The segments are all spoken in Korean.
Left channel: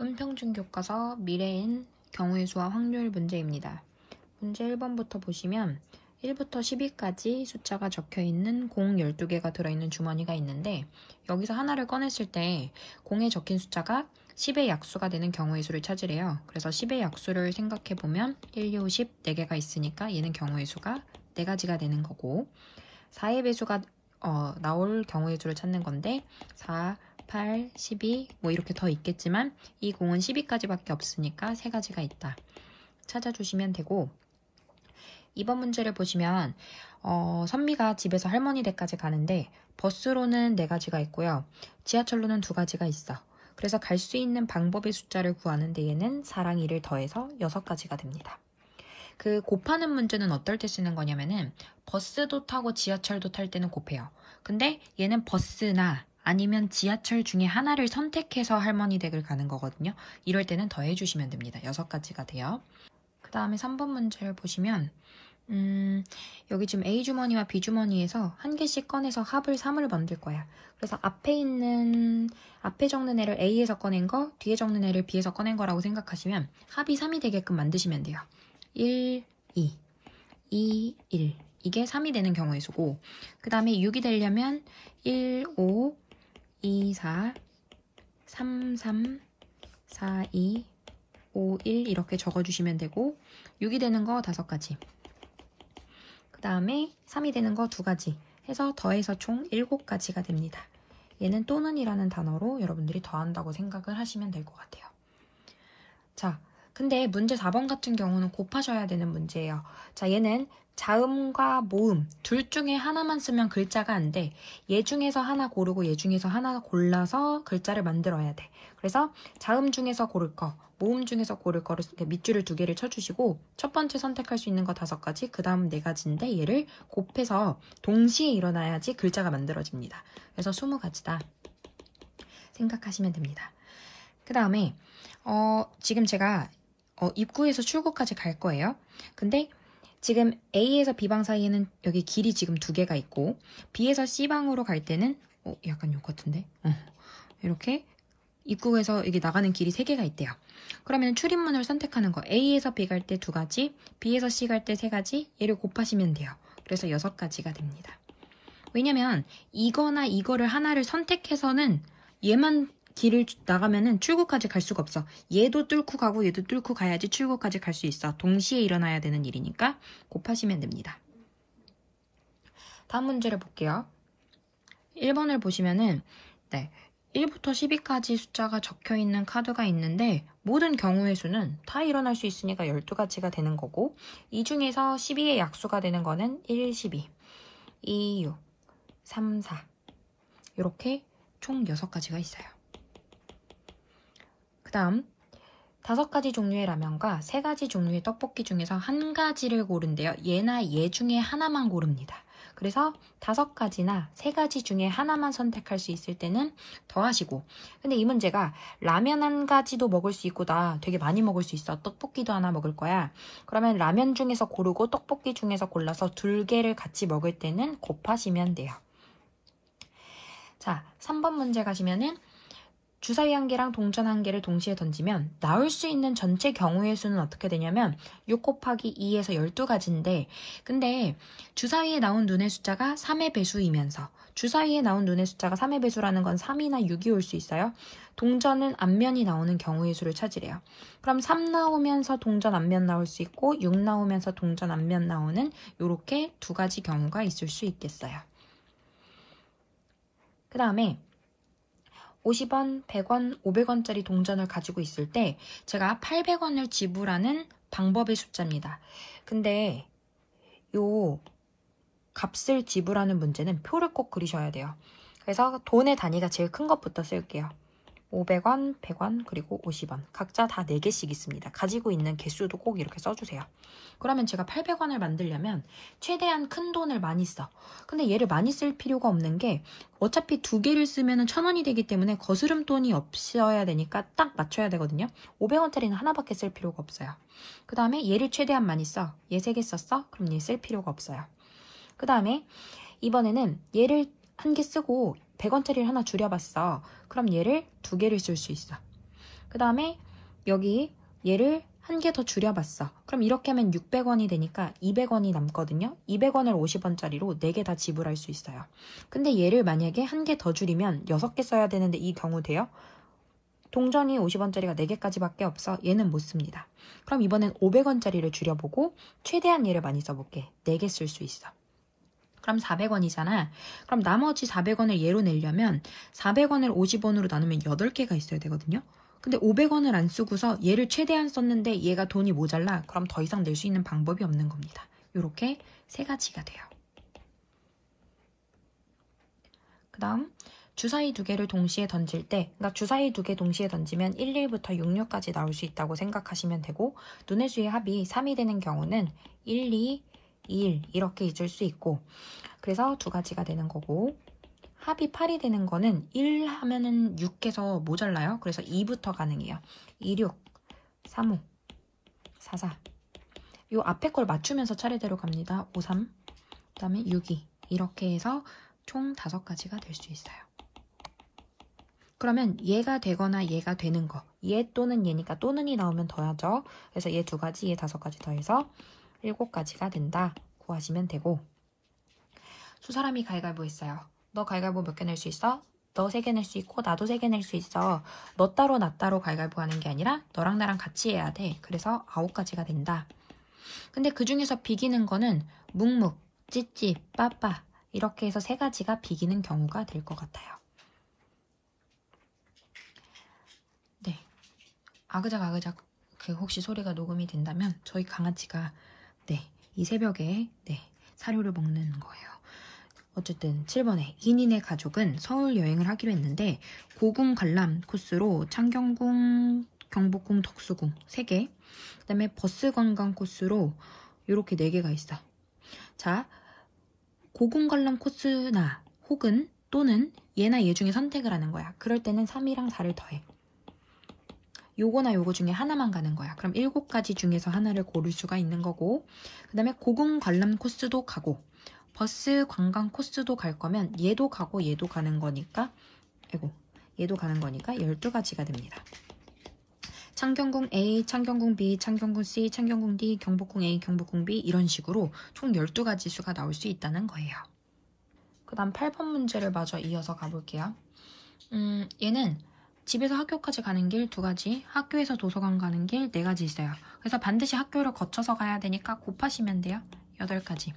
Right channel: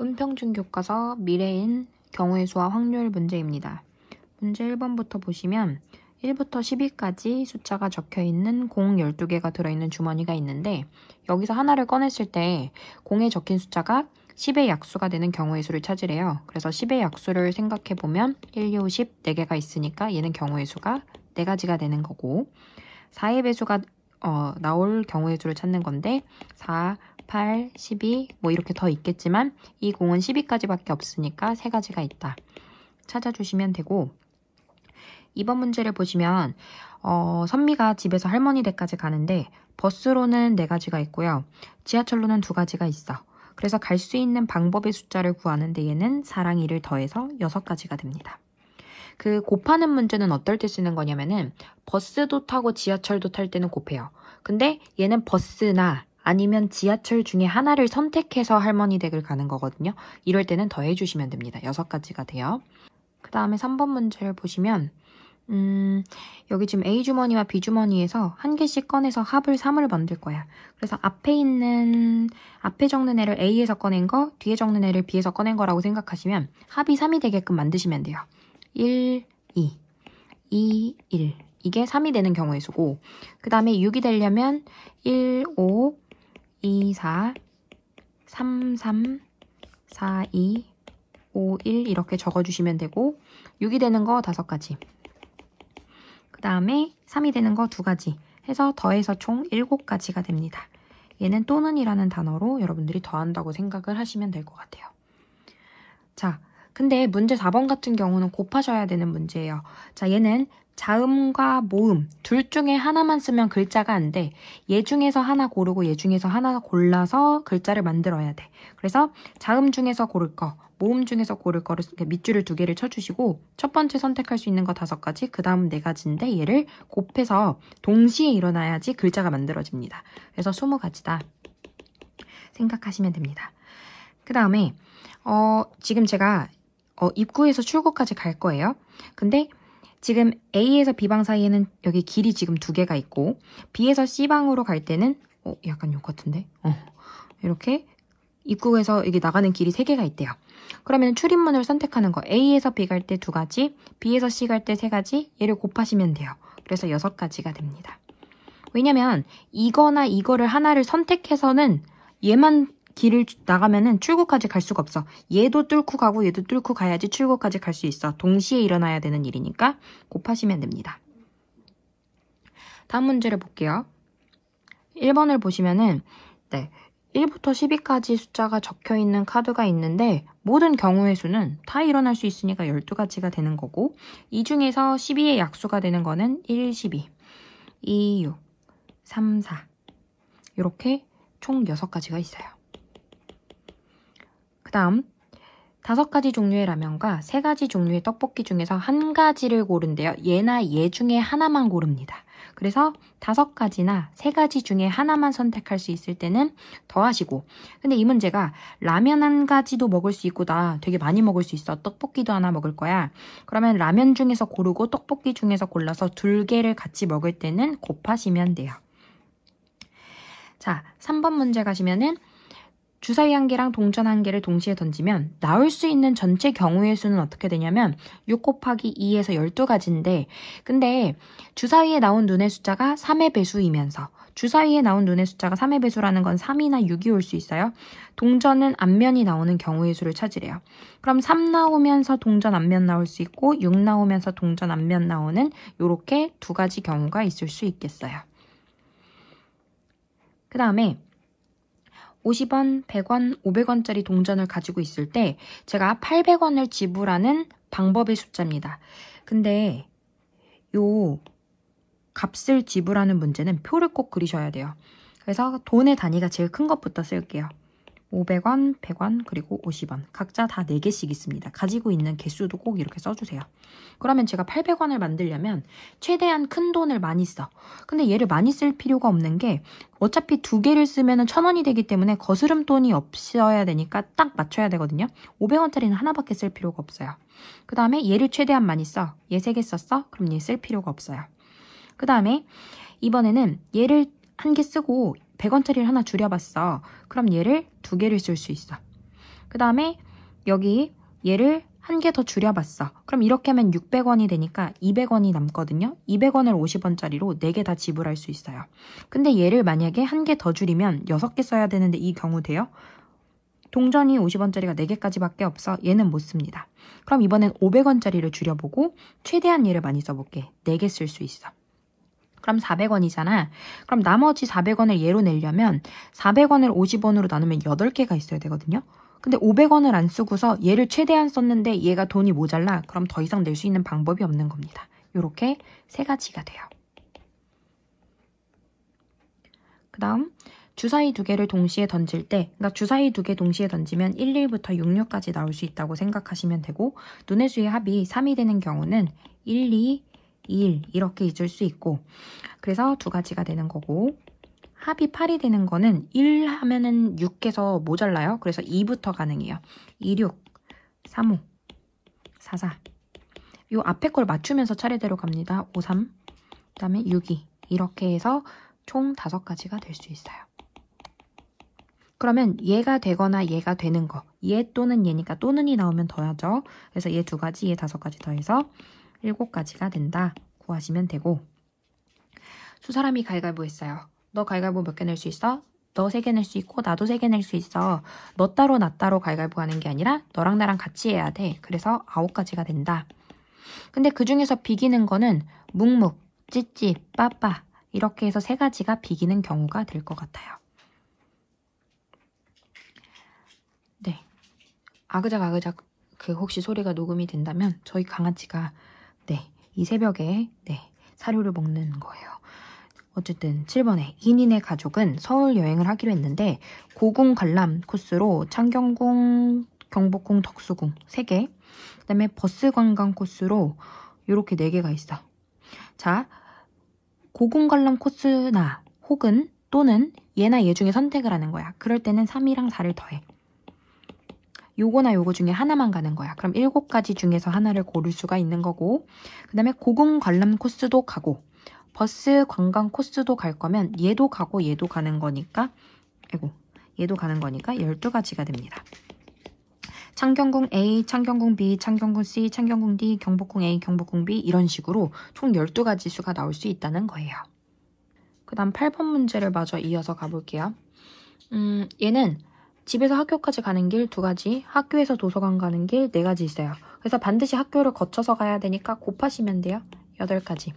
은평중 교과서 미래인 경우의 수와 확률 문제입니다. 문제 1번부터 보시면 1부터 10위까지 숫자가 적혀있는 공 12개가 들어있는 주머니가 있는데 여기서 하나를 꺼냈을 때 공에 적힌 숫자가 10의 약수가 되는 경우의 수를 찾으래요. 그래서 10의 약수를 생각해보면 1, 2, 5, 10 4개가 있으니까 얘는 경우의 수가 4가지가 되는 거고 4의 배수가 나올 경우의 수를 찾는 건데 4, 8, 12 뭐 이렇게 더 있겠지만 이 공은 12까지밖에 없으니까 3가지가 있다. 찾아주시면 되고 2번 문제를 보시면 선미가 집에서 할머니 댁까지 가는데 버스로는 4가지가 있고요. 지하철로는 2가지가 있어. 그래서 갈 수 있는 방법의 숫자를 구하는데 얘는 4랑 1을 더해서 6가지가 됩니다. 그 곱하는 문제는 어떨 때 쓰는 거냐면은 버스도 타고 지하철도 탈 때는 곱해요. 근데 얘는 버스나 아니면 지하철 중에 하나를 선택해서 할머니 댁을 가는 거거든요. 이럴 때는 더해주시면 됩니다. 6가지가 돼요. 그 다음에 3번 문제를 보시면 여기 지금 A주머니와 B주머니에서 한 개씩 꺼내서 합을 3을 만들 거야. 그래서 앞에 적는 애를 A에서 꺼낸 거, 뒤에 적는 애를 B에서 꺼낸 거라고 생각하시면 합이 3이 되게끔 만드시면 돼요. 1, 2, 2, 1 이게 3이 되는 경우의 수고 그 다음에 6이 되려면 1, 5, 2, 4, 3, 3, 4, 2, 5, 1 이렇게 적어주시면 되고 6이 되는 거 5가지 그 다음에 3이 되는 거 2가지 해서 더해서 총 7가지가 됩니다. 얘는 또는이라는 단어로 여러분들이 더한다고 생각을 하시면 될 것 같아요. 자, 근데 문제 4번 같은 경우는 곱하셔야 되는 문제예요. 자, 얘는 자음과 모음 둘 중에 하나만 쓰면 글자가 안 돼. 얘 중에서 하나 고르고 얘 중에서 하나 골라서 글자를 만들어야 돼. 그래서 자음 중에서 고를 거, 모음 중에서 고를 거를 밑줄을 2개를 쳐주시고 첫 번째 선택할 수 있는 거 5가지, 그 다음 4가지인데 얘를 곱해서 동시에 일어나야지 글자가 만들어집니다. 그래서 20가지다 생각하시면 됩니다. 그 다음에 지금 제가 입구에서 출구까지 갈 거예요. 근데 지금 A에서 B방 사이에는 여기 길이 지금 2개가 있고 B에서 C방으로 갈 때는 약간 요 같은데? 이렇게 입구에서 여기 나가는 길이 3개가 있대요. 그러면 출입문을 선택하는 거 A에서 B 갈 때 2가지, B에서 C 갈 때 3가지 얘를 곱하시면 돼요. 그래서 6가지가 됩니다. 왜냐면 이거나 이거를 하나를 선택해서는 얘만 길을 나가면은 출구까지 갈 수가 없어. 얘도 뚫고 가고 얘도 뚫고 가야지 출구까지 갈 수 있어. 동시에 일어나야 되는 일이니까 곱하시면 됩니다. 다음 문제를 볼게요. 1번을 보시면은 1부터 10위까지 숫자가 적혀있는 카드가 있는데 모든 경우의 수는 다 일어날 수 있으니까 12가지가 되는 거고 이 중에서 12의 약수가 되는 거는 1, 12, 2, 6, 3, 4 이렇게 총 6가지가 있어요. 그 다음 5가지 종류의 라면과 3가지 종류의 떡볶이 중에서 한 가지를 고른대요. 얘나 얘 중에 하나만 고릅니다. 그래서 5가지나 3가지 중에 하나만 선택할 수 있을 때는 더하시고 근데 이 문제가 라면 한 가지도 먹을 수 있고 나 되게 많이 먹을 수 있어. 떡볶이도 하나 먹을 거야. 그러면 라면 중에서 고르고 떡볶이 중에서 골라서 2개를 같이 먹을 때는 곱하시면 돼요. 자, 3번 문제 가시면은 주사위 1개랑 동전 1개를 동시에 던지면 나올 수 있는 전체 경우의 수는 어떻게 되냐면 6 곱하기 2에서 12가지인데 근데 주사위에 나온 눈의 숫자가 3의 배수이면서 주사위에 나온 눈의 숫자가 3의 배수라는 건 3이나 6이 올 수 있어요. 동전은 앞면이 나오는 경우의 수를 찾으래요. 그럼 3 나오면서 동전 앞면 나올 수 있고 6 나오면서 동전 앞면 나오는 이렇게 2가지 경우가 있을 수 있겠어요. 그 다음에 50원, 100원, 500원짜리 동전을 가지고 있을 때 제가 800원을 지불하는 방법의 숫자입니다. 근데 요 값을 지불하는 문제는 표를 꼭 그리셔야 돼요. 그래서 돈의 단위가 제일 큰 것부터 쓸게요. 500원, 100원, 그리고 50원. 각자 다 4개씩 있습니다. 가지고 있는 개수도 꼭 이렇게 써주세요. 그러면 제가 800원을 만들려면 최대한 큰 돈을 많이 써. 근데 얘를 많이 쓸 필요가 없는 게 어차피 2개를 쓰면 1000원이 되기 때문에 거스름 돈이 없어야 되니까 딱 맞춰야 되거든요. 500원짜리는 하나밖에 쓸 필요가 없어요. 그 다음에 얘를 최대한 많이 써. 얘 3개 썼어? 그럼 얘 쓸 필요가 없어요. 그 다음에 이번에는 얘를 1개 쓰고 100원짜리를 하나 줄여봤어. 그럼 얘를 2개를 쓸 수 있어. 그 다음에 여기 얘를 한 개 더 줄여봤어. 그럼 이렇게 하면 600원이 되니까 200원이 남거든요. 200원을 50원짜리로 4개 다 지불할 수 있어요. 근데 얘를 만약에 한 개 더 줄이면 6개 써야 되는데 이 경우 돼요? 동전이 50원짜리가 4개까지밖에 없어. 얘는 못 씁니다. 그럼 이번엔 500원짜리를 줄여보고 최대한 얘를 많이 써볼게. 4개 쓸 수 있어. 그럼 400원이잖아. 그럼 나머지 400원을 얘로 내려면 400원을 50원으로 나누면 8개가 있어야 되거든요. 근데 500원을 안 쓰고서 얘를 최대한 썼는데 얘가 돈이 모자라. 그럼 더 이상 낼 수 있는 방법이 없는 겁니다. 이렇게 3가지가 돼요. 그 다음 주사위 2개를 동시에 던질 때, 그러니까 주사위 2개 동시에 던지면 11부터 66까지 나올 수 있다고 생각하시면 되고, 눈의 수의 합이 3이 되는 경우는 1, 2, 1 이렇게 잊을 수 있고, 그래서 2가지가 되는 거고, 합이 8이 되는 거는 1 하면은 6개서 모자라요. 그래서 2부터 가능해요. 2, 6, 3, 5, 4, 4. 요 앞에 걸 맞추면서 차례대로 갑니다. 5, 3, 그 다음에 6, 2. 이렇게 해서 총 5가지가 될 수 있어요. 그러면 얘가 되거나 얘가 되는 거, 얘 또는 얘니까 또는이 나오면 더하죠. 그래서 얘 2가지, 얘 5가지 더해서 7가지가 된다 구하시면 되고, 두 사람이 가위바위보 했어요. 너 가위바위보 몇 개 낼 수 있어? 너 3개 낼 수 있고 나도 3개 낼 수 있어. 너 따로 나 따로 가위바위보 하는 게 아니라 너랑 나랑 같이 해야 돼. 그래서 9가지가 된다. 근데 그 중에서 비기는 거는 묵묵, 찌찌, 빠빠 이렇게 해서 3가지가 비기는 경우가 될 것 같아요. 네, 아그작 그 혹시 소리가 녹음이 된다면 저희 강아지가 이 새벽에 사료를 먹는 거예요. 어쨌든 7번에 2인의 가족은 서울 여행을 하기로 했는데 고궁 관람 코스로 창경궁, 경복궁, 덕수궁 3개, 그 다음에 버스 관광 코스로 이렇게 4개가 있어. 자, 고궁 관람 코스나 혹은 또는 얘나 얘 중에 선택을 하는 거야. 그럴 때는 3이랑 4를 더해. 요거나 요거 중에 하나만 가는 거야. 그럼 7가지 중에서 하나를 고를 수가 있는 거고, 그 다음에 고궁 관람 코스도 가고 버스 관광 코스도 갈 거면 얘도 가고 얘도 가는 거니까 얘도 가는 거니까 12가지가 됩니다. 창경궁 A, 창경궁 B, 창경궁 C, 창경궁 D, 경복궁 A, 경복궁 B 이런 식으로 총 12가지 수가 나올 수 있다는 거예요. 그 다음 8번 문제를 마저 이어서 가볼게요. 얘는 집에서 학교까지 가는 길 2가지, 학교에서 도서관 가는 길 4가지 있어요. 그래서 반드시 학교를 거쳐서 가야 되니까 곱하시면 돼요. 8가지.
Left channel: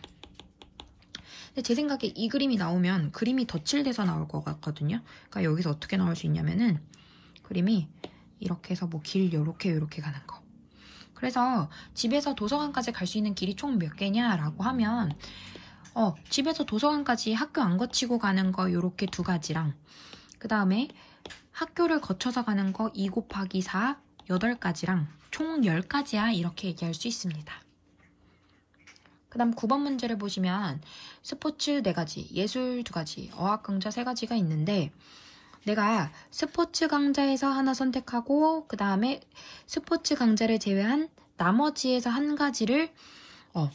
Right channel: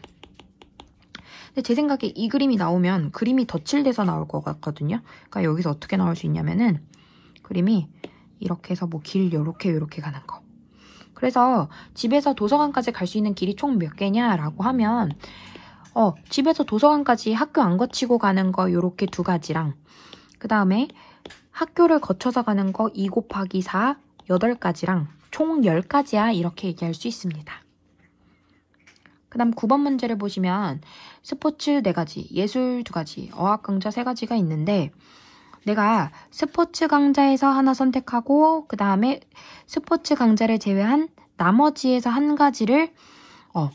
근데 제 생각에 이 그림이 나오면 그림이 덧칠돼서 나올 것 같거든요. 그러니까 여기서 어떻게 나올 수 있냐면은 그림이 이렇게 해서 뭐 길 요렇게 가는 거. 그래서 집에서 도서관까지 갈 수 있는 길이 총 몇 개냐라고 하면 집에서 도서관까지 학교 안 거치고 가는 거 요렇게 2가지랑 그 다음에 학교를 거쳐서 가는 거 2 곱하기 4 8가지랑 총 10가지야 이렇게 얘기할 수 있습니다. 그 다음 9번 문제를 보시면 스포츠 4가지, 예술 2가지, 어학 강좌 3가지가 있는데 내가 스포츠 강좌에서 하나 선택하고 그 다음에 스포츠 강좌를 제외한 나머지에서 1가지를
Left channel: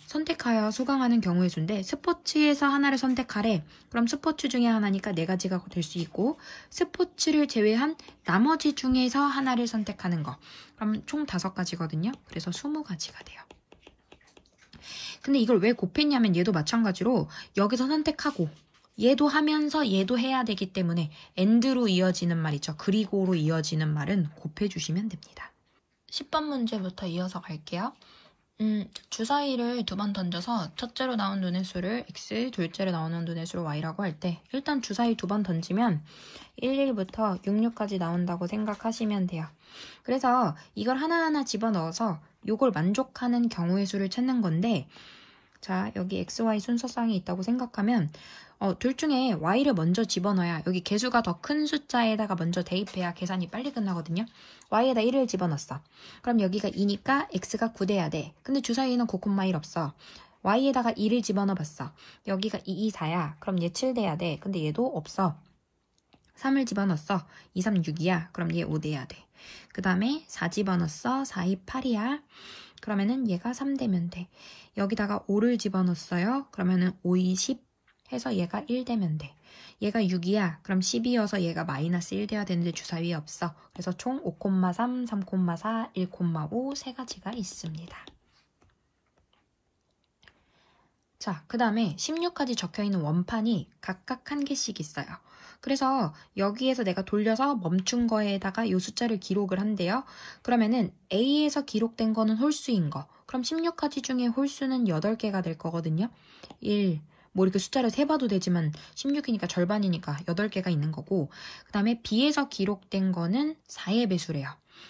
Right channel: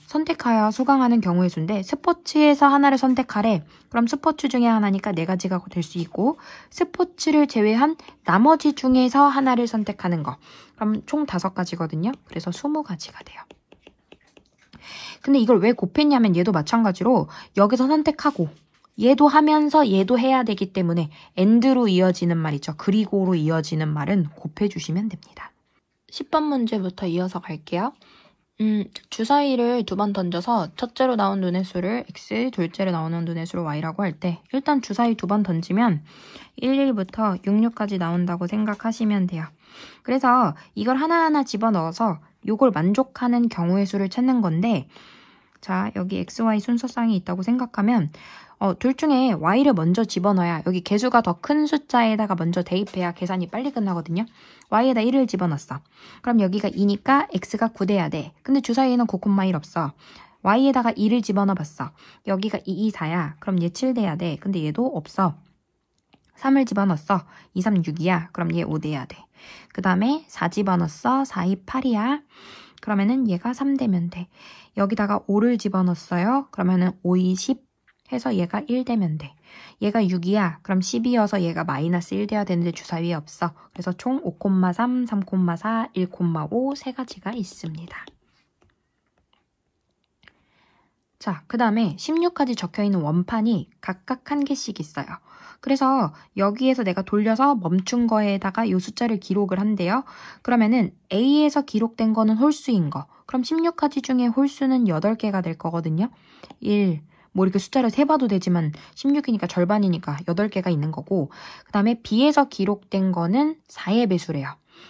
선택하여 수강하는 경우의 수인데 스포츠에서 하나를 선택하래. 그럼 스포츠 중에 하나니까 4가지가 될 수 있고 스포츠를 제외한 나머지 중에서 하나를 선택하는 거. 그럼 총 5가지거든요. 그래서 20가지가 돼요. 근데 이걸 왜 곱했냐면 얘도 마찬가지로 여기서 선택하고 얘도 하면서 얘도 해야 되기 때문에 and로 이어지는 말 있죠. 그리고로 이어지는 말은 곱해주시면 됩니다. 10번 문제부터 이어서 갈게요. 주사위를 2번 던져서 첫째로 나온 눈의 수를 x, 둘째로 나오는 눈의 수를 y라고 할 때 일단 주사위 2번 던지면 11부터 66까지 나온다고 생각하시면 돼요. 그래서 이걸 하나하나 집어넣어서 이걸 만족하는 경우의 수를 찾는 건데 자, 여기 x, y 순서상이 있다고 생각하면 둘 중에 y를 먼저 집어넣어야 여기 개수가 더 큰 숫자에다가 먼저 대입해야 계산이 빨리 끝나거든요. y에다 1을 집어넣었어. 그럼 여기가 2니까 x가 9돼야 돼. 근데 주사위에는 9,1 없어. y에다가 2를 집어넣어봤어. 여기가 2, 2, 4야. 그럼 얘 7돼야 돼. 근데 얘도 없어. 3을 집어넣었어. 2, 3, 6이야. 그럼 얘 5돼야 돼. 그 다음에 4 집어넣었어. 4, 2, 8이야. 그러면은 얘가 3되면 돼. 여기다가 5를 집어넣었어요. 그러면은 5, 2, 10 해서 얘가 1되면 돼. 얘가 6이야. 그럼 10이어서 얘가 마이너스 1 돼야 되는데 주사위에 없어. 그래서 총 5,3, 3,4, 1,5 세 가지가 있습니다. 자, 그 다음에 16까지 적혀있는 원판이 각각 한 개씩 있어요. 그래서 여기에서 내가 돌려서 멈춘 거에다가 이 숫자를 기록을 한대요. 그러면은 A에서 기록된 거는 홀수인 거. 그럼 16가지 중에 홀수는 8개가 될 거거든요. 1, 뭐 이렇게 숫자를 세봐도 되지만 16이니까 절반이니까 8개가 있는 거고, 그 다음에 B에서 기록된 거는 4의 배수래요.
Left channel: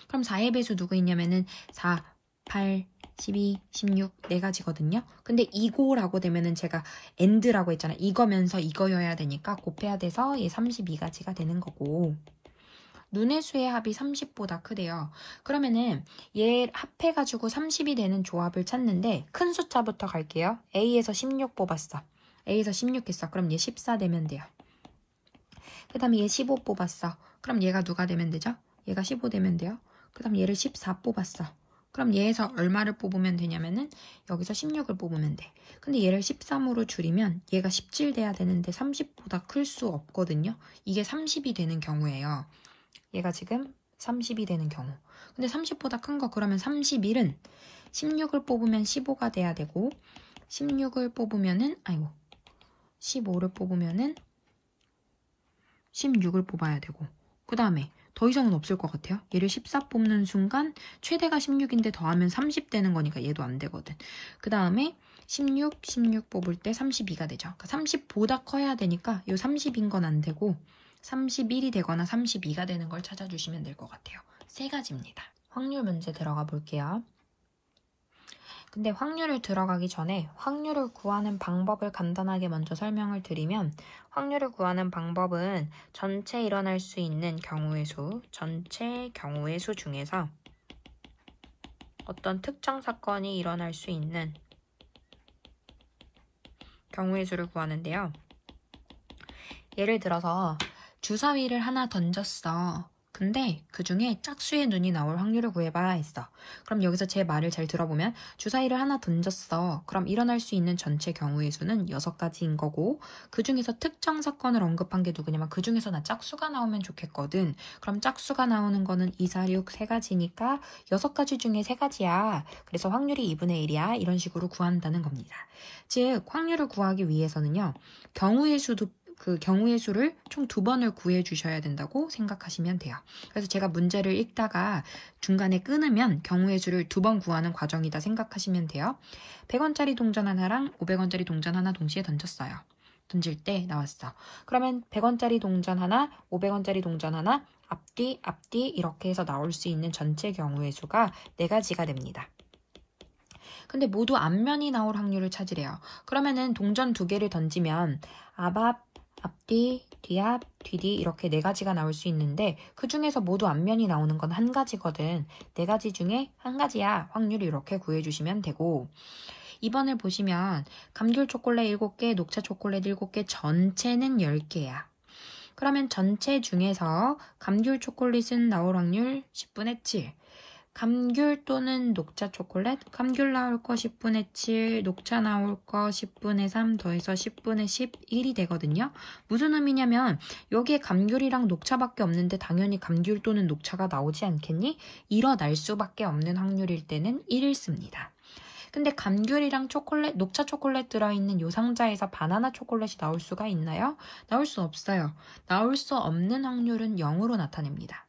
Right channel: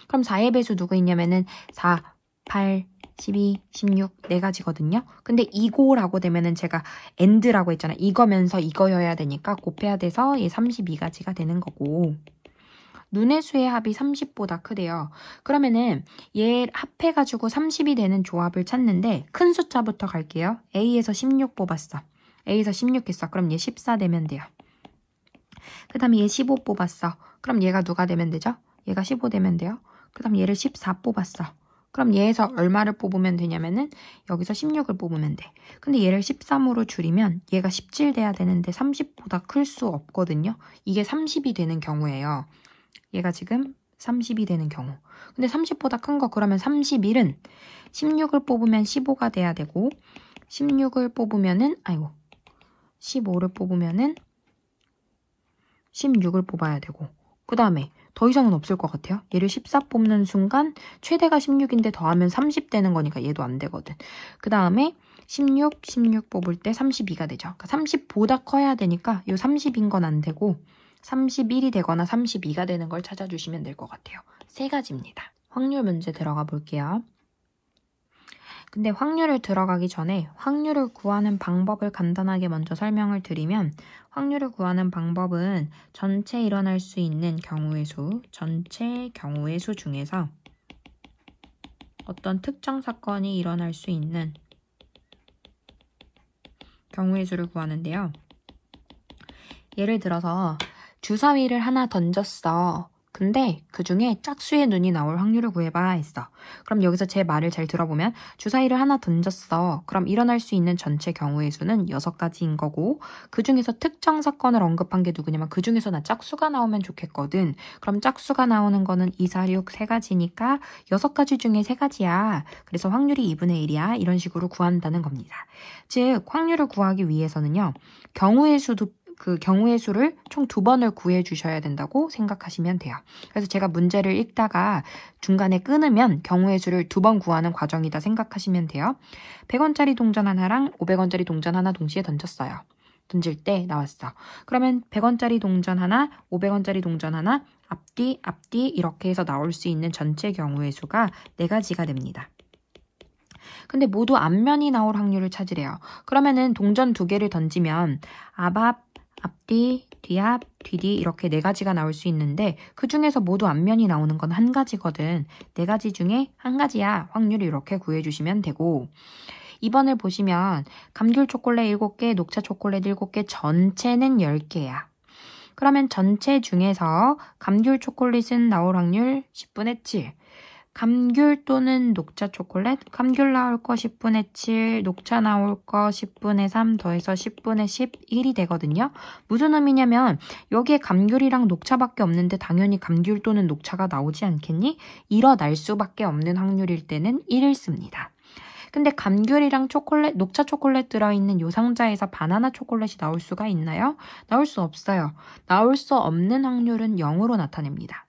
그럼 4의 배수 누구 있냐면은 4, 8, 12, 16 4가지거든요. 근데 이거라고 되면은 제가 AND라고 했잖아요. 이거면서 이거여야 되니까 곱해야 돼서 얘 32가지가 되는 거고, 눈의 수의 합이 30보다 크대요. 그러면은 얘 합해가지고 30이 되는 조합을 찾는데 큰 숫자부터 갈게요. A에서 16 뽑았어. A에서 16 했어. 그럼 얘 14 되면 돼요. 그 다음에 얘 15 뽑았어. 그럼 얘가 누가 되면 되죠? 얘가 15 되면 돼요. 그 다음 얘를 14 뽑았어. 그럼 얘에서 얼마를 뽑으면 되냐면은 여기서 16을 뽑으면 돼. 근데 얘를 13으로 줄이면 얘가 17 돼야 되는데 30보다 클 수 없거든요. 이게 30이 되는 경우예요. 얘가 지금 30이 되는 경우. 근데 30보다 큰 거 그러면 31은 16을 뽑으면 15가 돼야 되고, 16을 뽑으면은 15를 뽑으면은 16을 뽑아야 되고, 그 다음에 더 이상은 없을 것 같아요. 얘를 14 뽑는 순간 최대가 16인데 더하면 30 되는 거니까 얘도 안 되거든. 그 다음에 16 뽑을 때 32가 되죠. 그러니까 30보다 커야 되니까 이 30인 건 안 되고 31이 되거나 32가 되는 걸 찾아주시면 될 것 같아요. 세 가지입니다. 확률 문제 들어가 볼게요. 근데 확률을 들어가기 전에 확률을 구하는 방법을 간단하게 먼저 설명을 드리면, 확률을 구하는 방법은 전체 일어날 수 있는 경우의 수, 전체 경우의 수 중에서 어떤 특정 사건이 일어날 수 있는 경우의 수를 구하는데요. 예를 들어서 주사위를 하나 던졌어. 근데 그 중에 짝수의 눈이 나올 확률을 구해봐 했어. 그럼 여기서 제 말을 잘 들어보면 주사위를 하나 던졌어. 그럼 일어날 수 있는 전체 경우의 수는 6가지인 거고, 그 중에서 특정 사건을 언급한 게 누구냐면 그 중에서 나 짝수가 나오면 좋겠거든. 그럼 짝수가 나오는 거는 2, 4, 6 3가지니까 6가지 중에 3가지야. 그래서 확률이 2분의 1이야. 이런 식으로 구한다는 겁니다. 즉 확률을 구하기 위해서는요, 경우의 수도 그 경우의 수를 총 2번을 구해 주셔야 된다고 생각하시면 돼요. 그래서 제가 문제를 읽다가 중간에 끊으면 경우의 수를 2번 구하는 과정이다 생각하시면 돼요. 100원짜리 동전 하나랑 500원짜리 동전 하나 동시에 던졌어요. 던질 때 나왔어. 그러면 100원짜리 동전 하나, 500원짜리 동전 하나, 앞뒤 이렇게 해서 나올 수 있는 전체 경우의 수가 4가지가 됩니다. 근데 모두 앞면이 나올 확률을 찾으래요. 그러면은 동전 2개를 던지면 앞뒤, 뒤앞, 뒤뒤 이렇게 4가지가 나올 수 있는데 그 중에서 모두 앞면이 나오는 건 1가지거든. 4가지 중에 1가지야. 확률을 이렇게 구해주시면 되고, 2번을 보시면 감귤 초콜릿 7개, 녹차 초콜릿 7개, 전체는 10개야. 그러면 전체 중에서 감귤 초콜릿은 나올 확률 10분의 7. 감귤 또는 녹차 초콜릿, 감귤 나올 거 10분의 7, 녹차 나올 거 10분의 3 더해서 10분의 11이 되거든요. 무슨 의미냐면 여기에 감귤이랑 녹차밖에 없는데 당연히 감귤 또는 녹차가 나오지 않겠니? 일어날 수밖에 없는 확률일 때는 1을 씁니다. 근데 감귤이랑 초콜릿, 녹차 초콜릿 들어있는 요 상자에서 바나나 초콜릿이 나올 수가 있나요? 나올 수 없어요. 나올 수 없는 확률은 0으로 나타냅니다.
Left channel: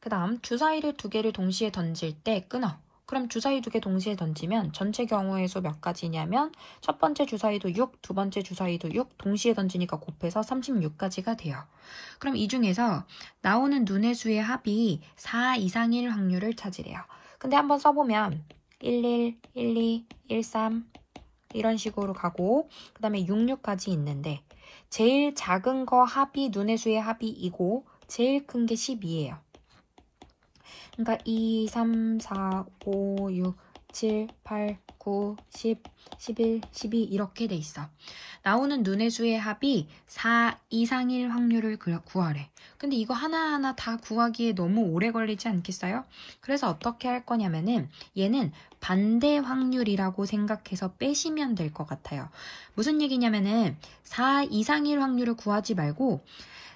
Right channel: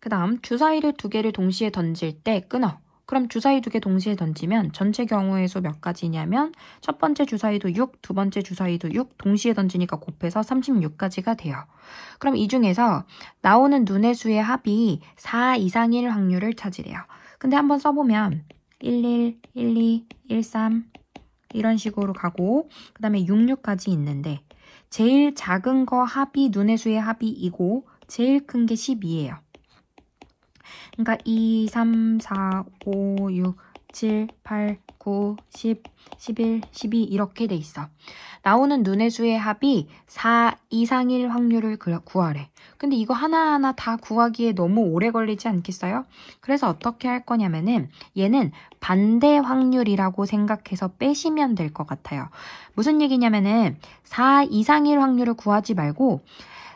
그 다음 주사위를 2개를 동시에 던질 때 끊어. 그럼 주사위 2개 동시에 던지면 전체 경우의 수 몇 가지냐면 첫 번째 주사위도 6, 두 번째 주사위도 6, 동시에 던지니까 곱해서 36가지가 돼요. 그럼 이 중에서 나오는 눈의 수의 합이 4 이상일 확률을 찾으래요. 근데 한번 써보면 11, 12, 13 이런 식으로 가고, 그 다음에 66까지 있는데 제일 작은 거 합이 눈의 수의 합이 이고 제일 큰 게 12예요. 그러니까 2, 3, 4, 5, 6, 7, 8, 9, 10, 11, 12 이렇게 돼 있어. 나오는 눈의 수의 합이 4 이상일 확률을 구하래. 근데 이거 하나하나 다 구하기에 너무 오래 걸리지 않겠어요? 그래서 어떻게 할 거냐면은 얘는 반대 확률이라고 생각해서 빼시면 될 것 같아요. 무슨 얘기냐면은 4 이상일 확률을 구하지 말고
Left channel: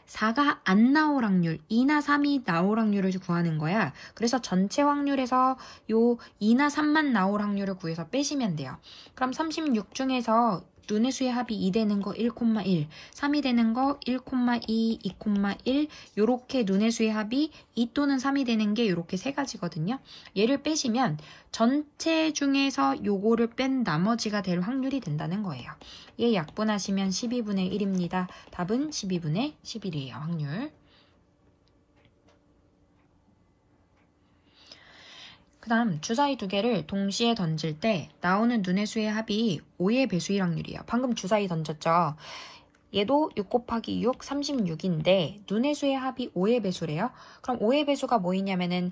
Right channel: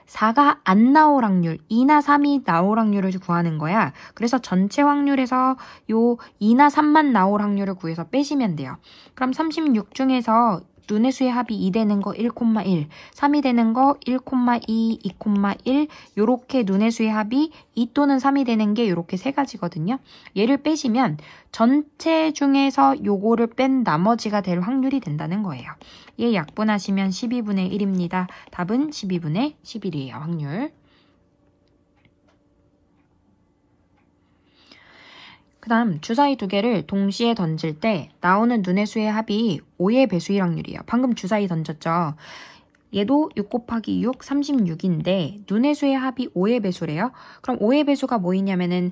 4가 안 나올 확률, 2나 3이 나올 확률을 구하는 거야. 그래서 전체 확률에서 요 2나 3만 나올 확률을 구해서 빼시면 돼요. 그럼 36 중에서 눈의 수의 합이 2 되는 거 1,1, 3이 되는 거 1,2, 2,1 요렇게 눈의 수의 합이 2 또는 3이 되는 게 요렇게 세 가지거든요. 얘를 빼시면 전체 중에서 요거를 뺀 나머지가 될 확률이 된다는 거예요. 얘 약분하시면 12분의 1입니다. 답은 12분의 11이에요. 확률. 그 다음 주사위 두 개를 동시에 던질 때 나오는 눈의 수의 합이 5의 배수일 확률이에요. 방금 주사위 던졌죠. 얘도 6 곱하기 6, 36인데 눈의 수의 합이 5의 배수래요. 그럼 5의 배수가 뭐이냐면은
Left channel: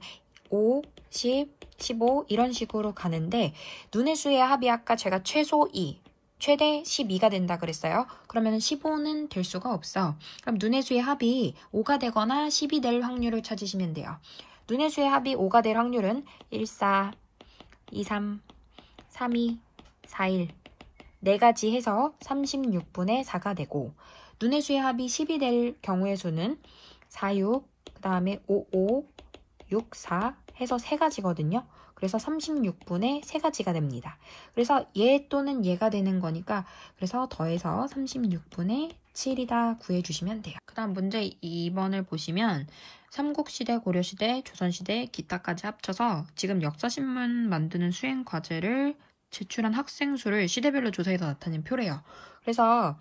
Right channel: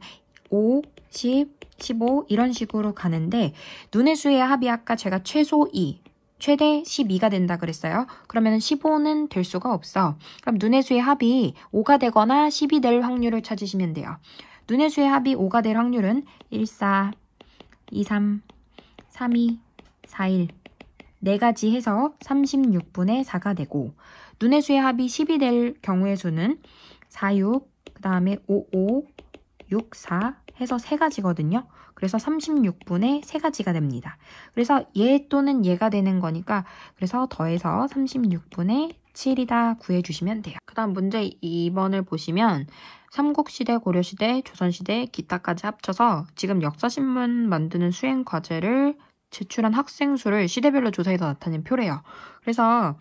5, 10, 15 이런 식으로 가는데 눈의 수의 합이 아까 제가 최소 2, 최대 12가 된다 그랬어요. 그러면 15는 될 수가 없어. 그럼 눈의 수의 합이 5가 되거나 10이 될 확률을 찾으시면 돼요. 눈의 수의 합이 5가 될 확률은 1, 4, 2, 3, 3, 2, 4, 1 4가지 해서 36분의 4가 되고 눈의 수의 합이 10이 될 경우의 수는 4, 6, 그 다음에 5, 5, 6, 4 해서 3가지거든요. 그래서 36분의 3가지가 됩니다. 그래서 얘 또는 얘가 되는 거니까 그래서 더해서 36분의 7이다 구해주시면 돼요. 그 다음 문제 2번을 보시면 삼국시대, 고려시대, 조선시대, 기타까지 합쳐서 지금 역사신문 만드는 수행과제를 제출한 학생 수를 시대별로 조사해서 나타낸 표래요. 그래서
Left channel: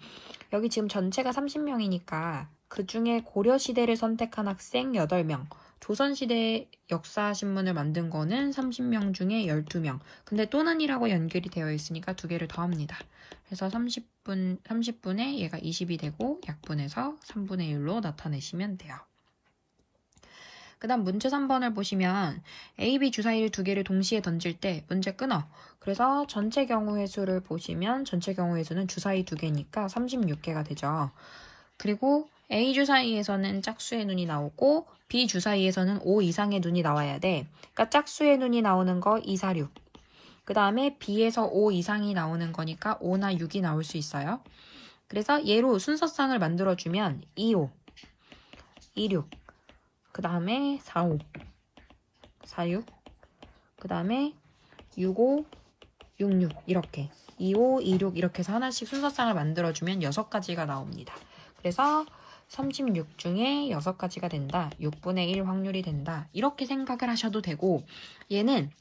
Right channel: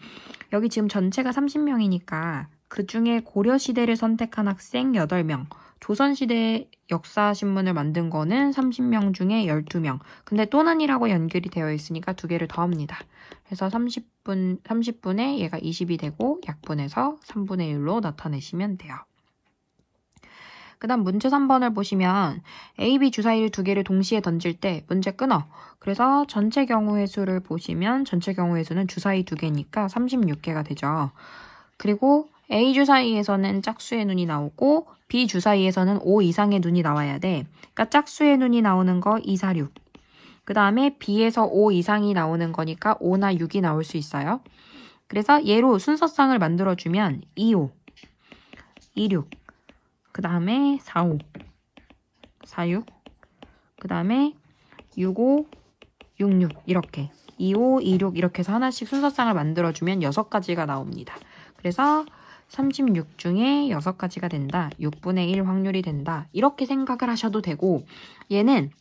여기 지금 전체가 30명이니까 그 중에 고려시대를 선택한 학생 8명, 조선시대 역사신문을 만든 거는 30명 중에 12명. 근데 또는이라고 연결이 되어 있으니까 두 개를 더합니다. 그래서 30분에 얘가 20이 되고 약분해서 3분의 1로 나타내시면 돼요. 그 다음 문제 3번을 보시면 A, B 주사위를 두 개를 동시에 던질 때 문제 끊어. 그래서 전체 경우의 수를 보시면 전체 경우의 수는 주사위 두 개니까 36개가 되죠. 그리고 A 주사위에서는 짝수의 눈이 나오고 B 주사위에서는 5 이상의 눈이 나와야 돼. 그러니까 짝수의 눈이 나오는 거 2, 4, 6. 그 다음에 B에서 5 이상이 나오는 거니까 5나 6이 나올 수 있어요. 그래서 얘로 순서상을 만들어주면 2, 5, 2, 6. 그 다음에 4, 5, 4, 6. 그 다음에 6, 5, 6, 6 이렇게 2, 5, 2, 6 이렇게 해서 하나씩 순서상을 만들어주면 6가지가 나옵니다. 그래서 36 중에 6가지가 된다. 6분의 1 확률이 된다. 이렇게 생각을 하셔도 되고 얘는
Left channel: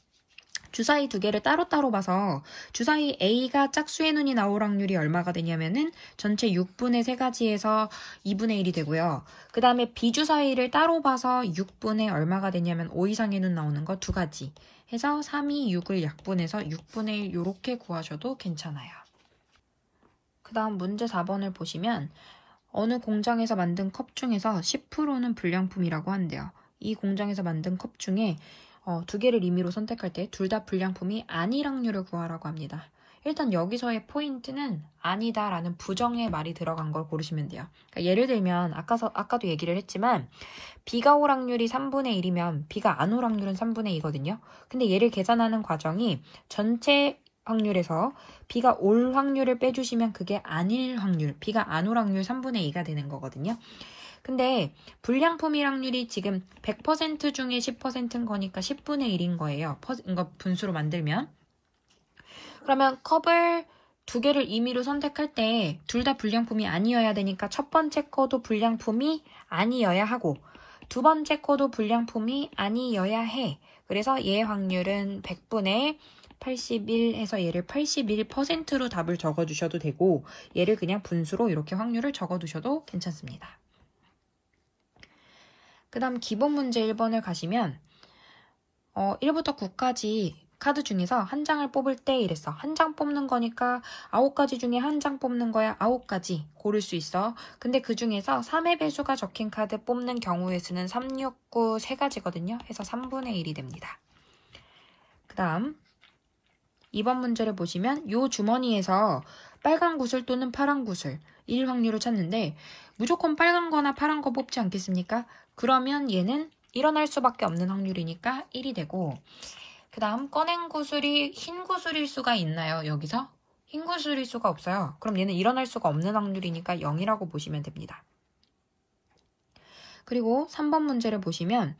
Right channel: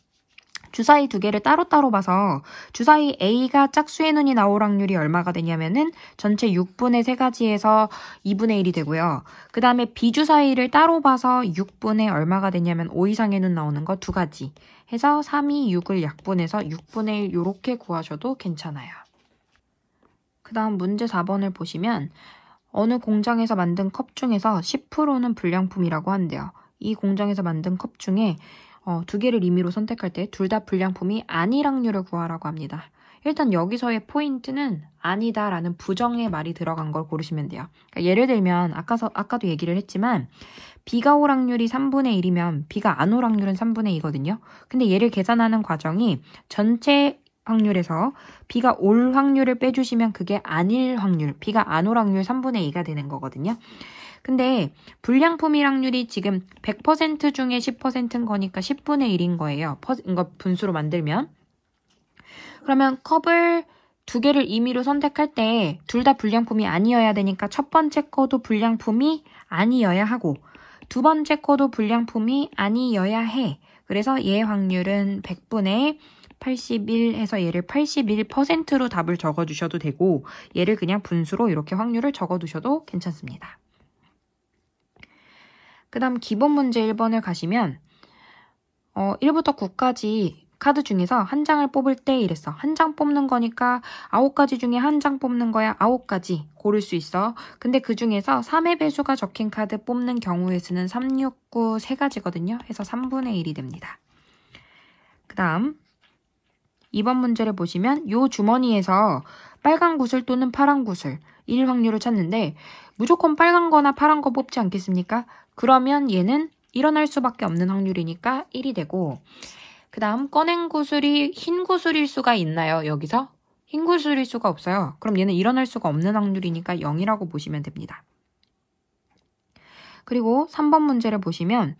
주사위 두 개를 따로따로 봐서 주사위 A가 짝수의 눈이 나올 확률이 얼마가 되냐면은 전체 6분의 3가지에서 2분의 1이 되고요. 그 다음에 B 주사위를 따로 봐서 6분의 얼마가 되냐면 5 이상의 눈 나오는 거 2가지 해서 3, 2, 6을 약분해서 6분의 1 이렇게 구하셔도 괜찮아요. 그 다음 문제 4번을 보시면 어느 공장에서 만든 컵 중에서 10%는 불량품이라고 한대요. 이 공장에서 만든 컵 중에 두 개를 임의로 선택할 때 둘 다 불량품이 아닐 확률을 구하라고 합니다. 일단 여기서의 포인트는 아니다 라는 부정의 말이 들어간 걸 고르시면 돼요. 그러니까 예를 들면 아까도 얘기를 했지만 B가 올 확률이 3분의 1이면 B가 안 올 확률은 3분의 2거든요. 근데 얘를 계산하는 과정이 전체 확률에서 B가 올 확률을 빼주시면 그게 아닐 확률, B가 안 올 확률 3분의 2가 되는 거거든요. 근데 불량품일 확률이 지금 100% 중에 10%인 거니까 10분의 1인 거예요. 이거 분수로 만들면. 그러면 컵을 두 개를 임의로 선택할 때 둘 다 불량품이 아니어야 되니까 첫 번째 거도 불량품이 아니어야 하고 두 번째 거도 불량품이 아니어야 해. 그래서 얘의 확률은 100분의 81 해서 얘를 81%로 답을 적어주셔도 되고 얘를 그냥 분수로 이렇게 확률을 적어두셔도 괜찮습니다. 그 다음 기본 문제 1번을 가시면 1부터 9까지 카드 중에서 한 장을 뽑을 때 이랬어. 한 장 뽑는 거니까 9가지 중에 한 장 뽑는 거야. 9가지 고를 수 있어. 근데 그 중에서 3의 배수가 적힌 카드 뽑는 경우의 수는 3, 6, 9 3가지거든요. 해서 3분의 1이 됩니다. 그 다음 2번 문제를 보시면 이 주머니에서 빨간 구슬 또는 파란 구슬 1 확률을 찾는데 무조건 빨간 거나 파란 거 뽑지 않겠습니까? 그러면 얘는 일어날 수밖에 없는 확률이니까 1이 되고, 그 다음 꺼낸 구슬이 흰 구슬일 수가 있나요? 여기서? 흰 구슬일 수가 없어요. 그럼 얘는 일어날 수가 없는 확률이니까 0이라고 보시면 됩니다. 그리고 3번 문제를 보시면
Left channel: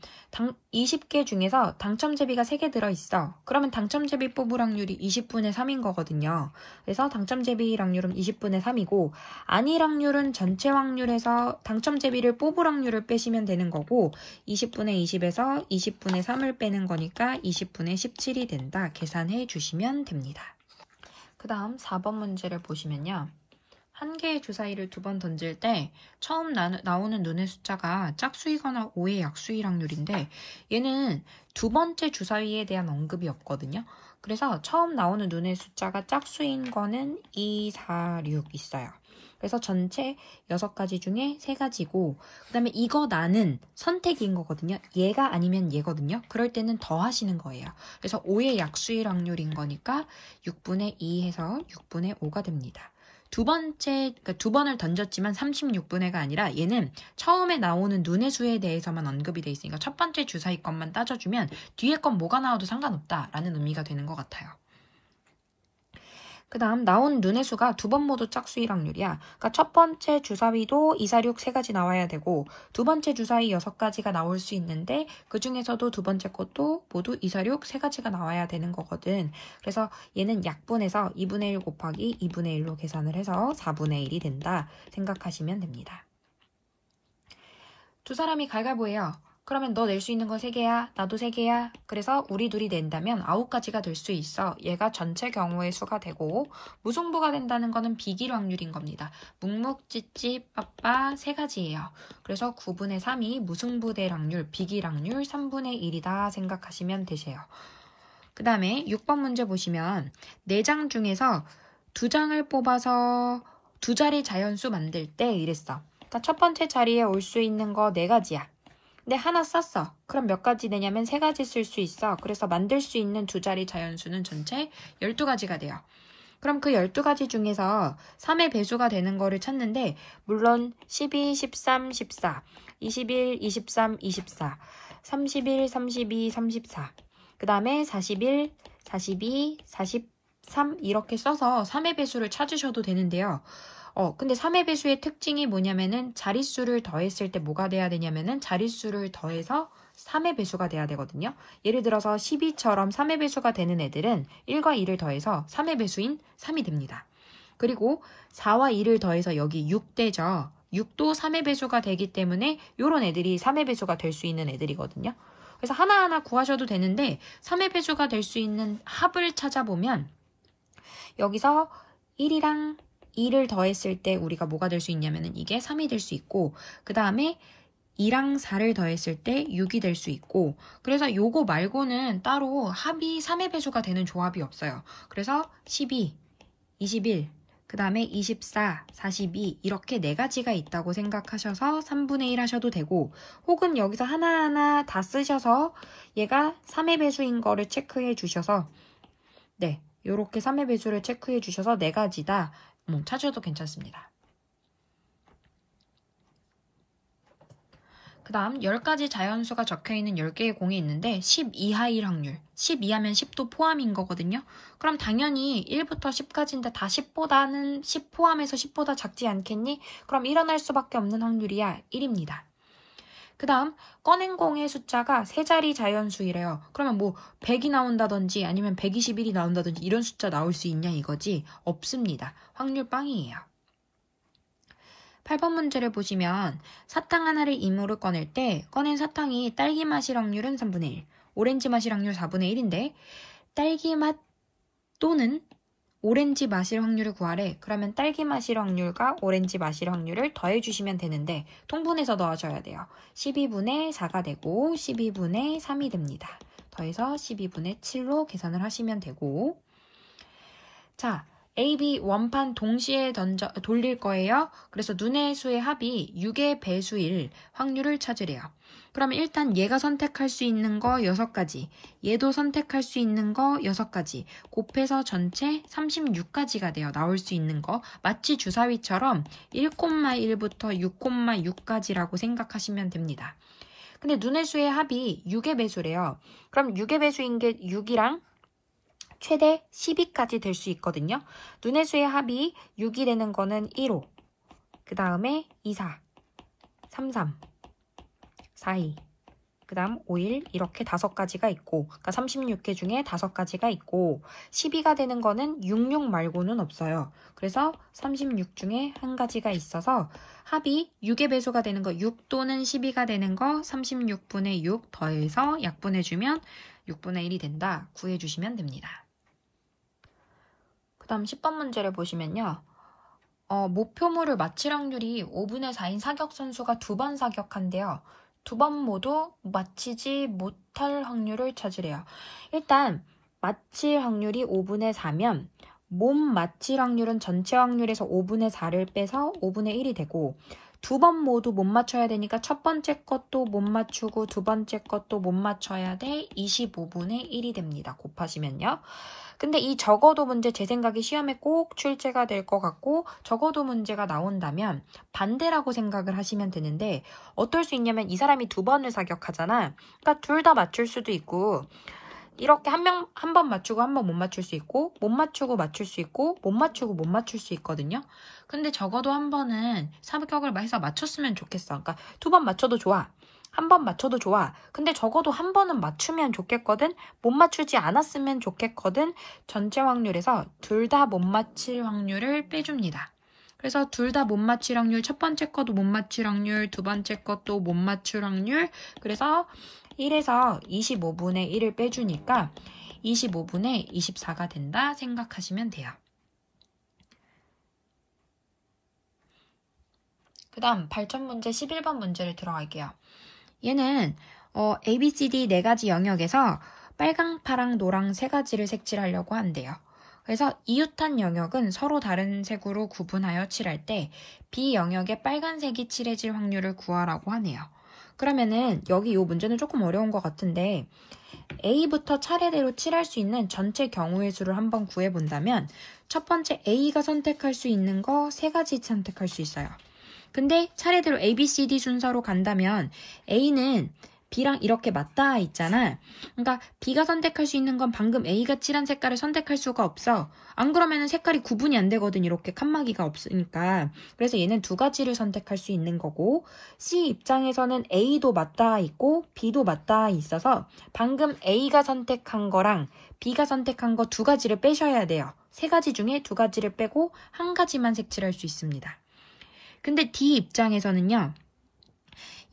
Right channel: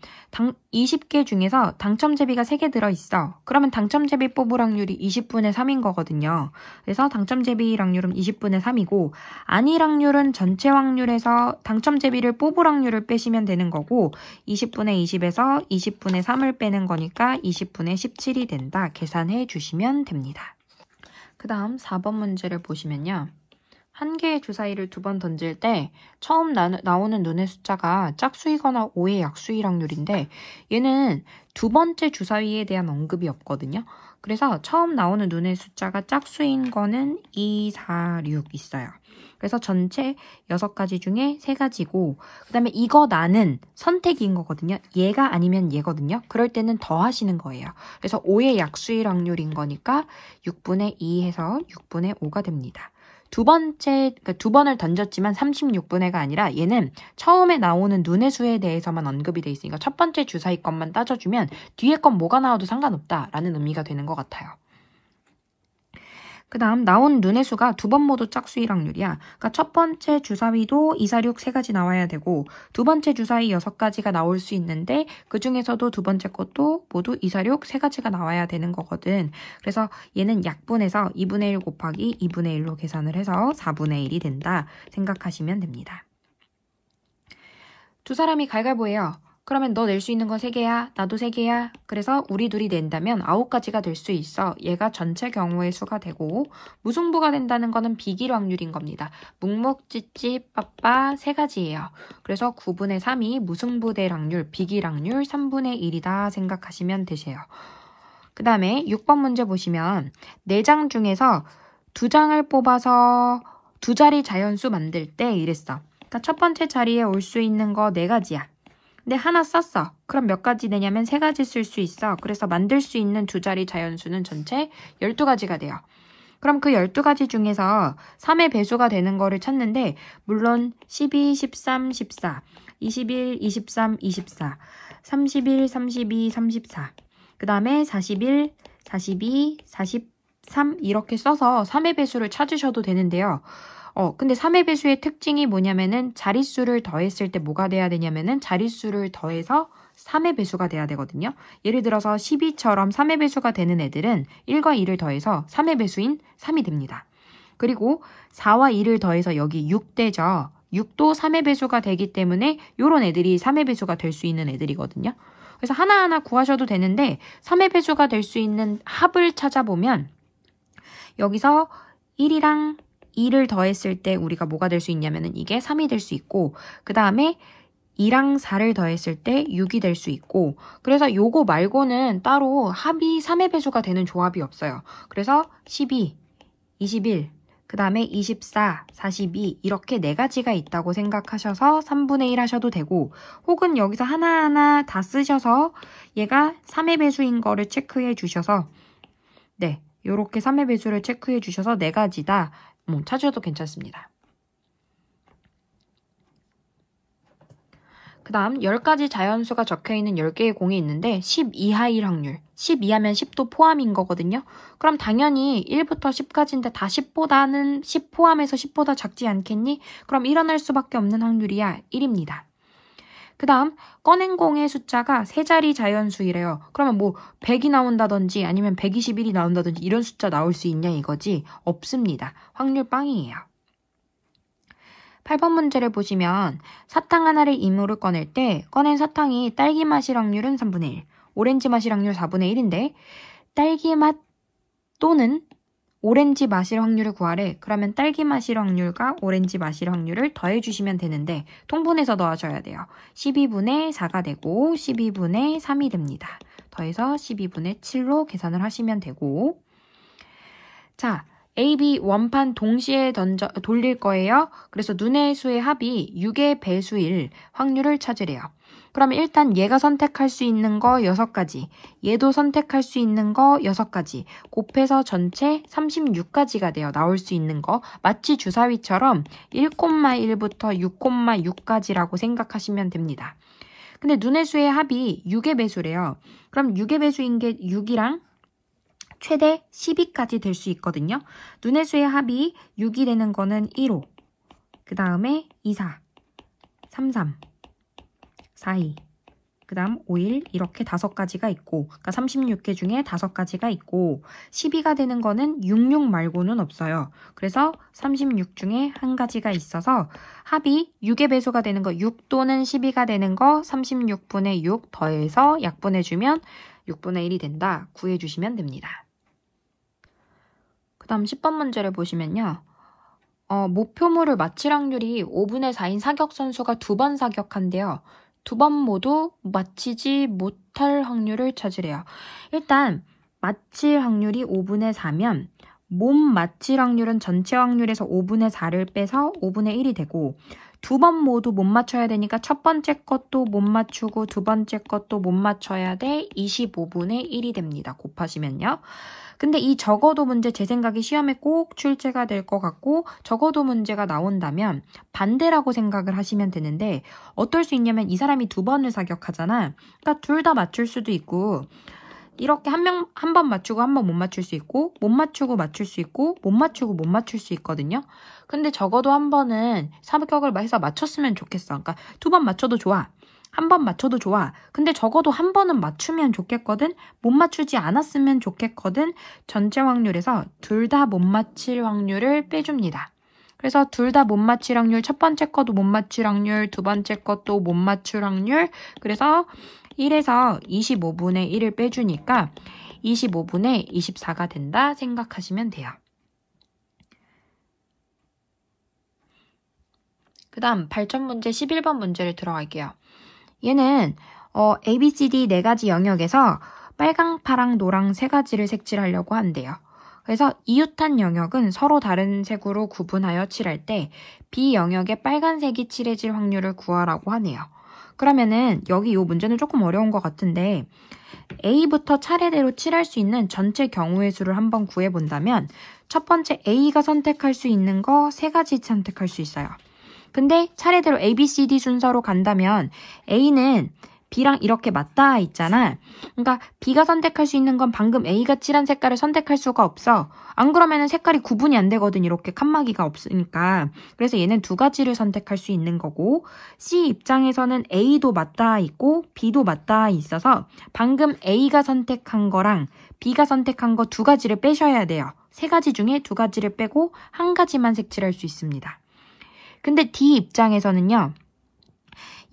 20개 중에서 당첨제비가 3개 들어있어. 그러면 당첨제비 뽑을 확률이 20분의 3인 거거든요. 그래서 당첨제비 확률은 20분의 3이고 아닐 확률은 전체 확률에서 당첨제비를 뽑을 확률을 빼시면 되는 거고 20분의 20에서 20분의 3을 빼는 거니까 20분의 17이 된다. 계산해 주시면 됩니다. 그 다음 4번 문제를 보시면요. 한 개의 주사위를 2번 던질 때 처음 나오는 눈의 숫자가 짝수이거나 5의 약수일 확률인데 얘는 두 번째 주사위에 대한 언급이 없거든요. 그래서 처음 나오는 눈의 숫자가 짝수인 거는 2, 4, 6 있어요. 그래서 전체 6가지 중에 3가지고 그 다음에 이거 나는 선택인 거거든요. 얘가 아니면 얘거든요. 그럴 때는 더 하시는 거예요. 그래서 5의 약수일 확률인 거니까 6분의 2 해서 6분의 5가 됩니다. 두 번을 던졌지만 36분의가 아니라 얘는 처음에 나오는 눈의 수에 대해서만 언급이 돼 있으니까 첫 번째 주사위 것만 따져주면 뒤에 건 뭐가 나와도 상관없다라는 의미가 되는 것 같아요. 그 다음 나온 눈의 수가 2번 모두 짝수일 확률이야. 그러니까 첫 번째 주사위도 2, 4, 6 3가지 나와야 되고 두 번째 주사위 6가지가 나올 수 있는데 그 중에서도 두 번째 것도 모두 2, 4, 6 3가지가 나와야 되는 거거든. 그래서 얘는 약분해서 2분의 1 곱하기 2분의 1로 계산을 해서 4분의 1이 된다 생각하시면 됩니다. 두 사람이 갈갈보해요. 그러면 너 낼 수 있는 거 3개야, 나도 3개야. 그래서 우리 둘이 낸다면 9가지가 될 수 있어. 얘가 전체 경우의 수가 되고 무승부가 된다는 거는 비길 확률인 겁니다. 묵묵, 찌찌, 빠빠 3가지예요. 그래서 9분의 3이 무승부 될 확률, 비길 확률 3분의 1이다 생각하시면 되세요. 그 다음에 6번 문제 보시면 4장 중에서 2장을 뽑아서 2자리 자연수 만들 때 이랬어. 그러니까 첫 번째 자리에 올 수 있는 거 4가지야. 근데 하나 썼어. 그럼 몇 가지 되냐면 3가지 쓸 수 있어. 그래서 만들 수 있는 2자리 자연수는 전체 12가지가 돼요. 그럼 그 12가지 중에서 3의 배수가 되는 거를 찾는데 물론 12, 13, 14, 21, 23, 24, 31, 32, 34, 그 다음에 41, 42, 43 이렇게 써서 3의 배수를 찾으셔도 되는데요. 근데 3의 배수의 특징이 뭐냐면은 자릿수를 더했을 때 뭐가 돼야 되냐면은 자릿수를 더해서 3의 배수가 돼야 되거든요. 예를 들어서 12처럼 3의 배수가 되는 애들은 1과 2를 더해서 3의 배수인 3이 됩니다. 그리고 4와 2를 더해서 여기 6되죠. 6도 3의 배수가 되기 때문에 이런 애들이 3의 배수가 될 수 있는 애들이거든요. 그래서 하나하나 구하셔도 되는데 3의 배수가 될 수 있는 합을 찾아보면 여기서 1이랑 2를 더했을 때 우리가 뭐가 될 수 있냐면은 이게 3이 될 수 있고 그 다음에 2랑 4를 더했을 때 6이 될 수 있고 그래서 요거 말고는 따로 합이 3의 배수가 되는 조합이 없어요. 그래서 12, 21, 그 다음에 24, 42 이렇게 4가지가 있다고 생각하셔서 3분의 1 하셔도 되고 혹은 여기서 하나하나 다 쓰셔서 얘가 3의 배수인 거를 체크해 주셔서 네, 요렇게 3의 배수를 체크해 주셔서 4가지다 찾으셔도 괜찮습니다. 그 다음 10가지 자연수가 적혀있는 10개의 공이 있는데 10 이하일 확률 10 이하면 10도 포함인 거거든요. 그럼 당연히 1부터 10까지인데 다 10보다는 10 포함해서 10보다 작지 않겠니? 그럼 일어날 수밖에 없는 확률이야 1입니다. 그 다음 꺼낸 공의 숫자가 3자리 자연수이래요. 그러면 뭐 100이 나온다든지 아니면 121이 나온다든지 이런 숫자 나올 수 있냐 이거지? 없습니다. 확률 빵이에요. 8번 문제를 보시면 사탕 하나를 이모를 꺼낼 때 꺼낸 사탕이 딸기 맛일 확률은 3분의 1, 오렌지 맛일 확률 4분의 1인데 딸기 맛 또는 오렌지 맛일 확률을 구하래. 그러면 딸기 맛일 확률과 오렌지 맛일 확률을 더해주시면 되는데 통분해서 더하셔야 돼요. 12분의 4가 되고 12분의 3이 됩니다. 더해서 12분의 7로 계산을 하시면 되고 자, A, B 원판 동시에 돌릴 거예요. 그래서 눈의 수의 합이 6의 배수일 확률을 찾으래요. 그러면 일단 얘가 선택할 수 있는 거 6가지, 얘도 선택할 수 있는 거 6가지, 곱해서 전체 36가지가 돼요. 나올 수 있는 거. 마치 주사위처럼 1,1부터 6,6까지라고 생각하시면 됩니다. 근데 눈의 수의 합이 6의 배수래요. 그럼 6의 배수인 게 6이랑 최대 12까지 될 수 있거든요. 눈의 수의 합이 6이 되는 거는 1호, 그 다음에 2, 4, 3, 3, 4, 2, 그 다음 5, 1 이렇게 5가지가 있고, 그러니까 36개 중에 5가지가 있고, 12가 되는 거는 66 말고는 없어요. 그래서 36 중에 한 가지가 있어서 합이 6의 배수가 되는 거, 6 또는 12가 되는 거 36분의 6 더해서 약분해주면 6분의 1이 된다. 구해주시면 됩니다. 그 다음 10번 문제를 보시면요. 목표물을 맞힐 확률이 5분의 4인 사격 선수가 2번 사격한대요. 2번 모두 맞히지 못할 확률을 찾으래요. 일단 맞힐 확률이 5분의 4면 못 맞힐 확률은 전체 확률에서 5분의 4를 빼서 5분의 1이 되고, 2번 모두 못 맞춰야 되니까 첫 번째 것도 못 맞추고 두 번째 것도 못 맞춰야 돼. 25분의 1이 됩니다. 곱하시면요. 근데 이 적어도 문제 제 생각에 시험에 꼭 출제가 될 것 같고, 적어도 문제가 나온다면 반대라고 생각을 하시면 되는데, 어떨 수 있냐면 이 사람이 2번을 사격하잖아. 그러니까 둘 다 맞출 수도 있고, 이렇게 한 번 맞추고 한 번 못 맞출 수 있고, 못 맞추고 맞출 수 있고, 못 맞추고 못 맞출 수 있거든요. 근데 적어도 한 번은 사격을 해서 맞췄으면 좋겠어. 그러니까 2번 맞춰도 좋아. 한 번 맞춰도 좋아. 근데 적어도 한 번은 맞추면 좋겠거든. 못 맞추지 않았으면 좋겠거든. 전체 확률에서 둘 다 못 맞힐 확률을 빼줍니다. 그래서 둘 다 못 맞힐 확률, 첫 번째 것도 못 맞힐 확률, 두 번째 것도 못 맞출 확률. 그래서 1에서 25분의 1을 빼주니까 25분의 24가 된다 생각하시면 돼요. 그 다음 발전 문제 11번 문제를 들어갈게요. 얘는 A, B, C, D 4가지 영역에서 빨강, 파랑, 노랑 3가지를 색칠하려고 한대요. 그래서 이웃한 영역은 서로 다른 색으로 구분하여 칠할 때 B 영역에 빨간색이 칠해질 확률을 구하라고 하네요. 그러면은 여기 이 문제는 조금 어려운 것 같은데, A부터 차례대로 칠할 수 있는 전체 경우의 수를 한번 구해본다면, 첫 번째 A가 선택할 수 있는 거 3가지 선택할 수 있어요. 근데 차례대로 A, B, C, D 순서로 간다면 A는 B랑 이렇게 맞닿아 있잖아. 그러니까 B가 선택할 수 있는 건 방금 A가 칠한 색깔을 선택할 수가 없어. 안 그러면 색깔이 구분이 안 되거든. 이렇게 칸막이가 없으니까. 그래서 얘는 2가지를 선택할 수 있는 거고, C 입장에서는 A도 맞닿아 있고 B도 맞닿아 있어서 방금 A가 선택한 거랑 B가 선택한 거 2가지를 빼셔야 돼요. 3가지 중에 2가지를 빼고 1가지만 색칠할 수 있습니다. 근데 D 입장에서는요,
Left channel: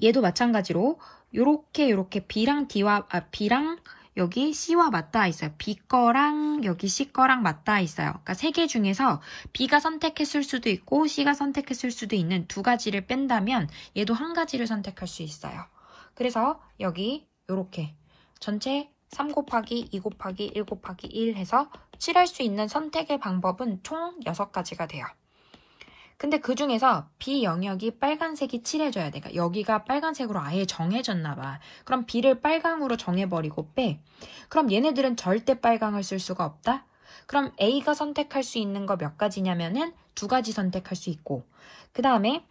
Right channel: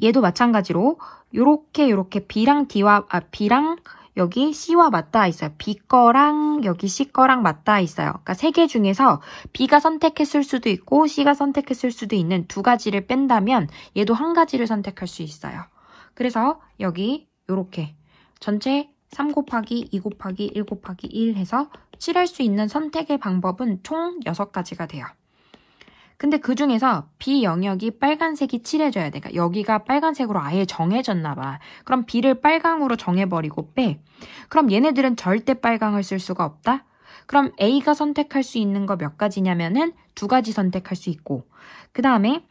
얘도 마찬가지로 요렇게 B랑 B랑 여기 C와 맞닿아 있어요. B 거랑 여기 C 거랑 맞닿아 있어요. 그러니까 3개 중에서 B가 선택했을 수도 있고 C가 선택했을 수도 있는 2가지를 뺀다면 얘도 1가지를 선택할 수 있어요. 그래서 여기 요렇게 전체 3 곱하기 2 곱하기 1 곱하기 1 해서 칠할 수 있는 선택의 방법은 총 6가지가 돼요. 근데 그 중에서 B 영역이 빨간색이 칠해져야 돼. 그러니까 여기가 빨간색으로 아예 정해졌나 봐. 그럼 B를 빨강으로 정해버리고 빼. 그럼 얘네들은 절대 빨강을 쓸 수가 없다? 그럼 A가 선택할 수 있는 거 몇 가지냐면은 2가지 선택할 수 있고, 그 다음에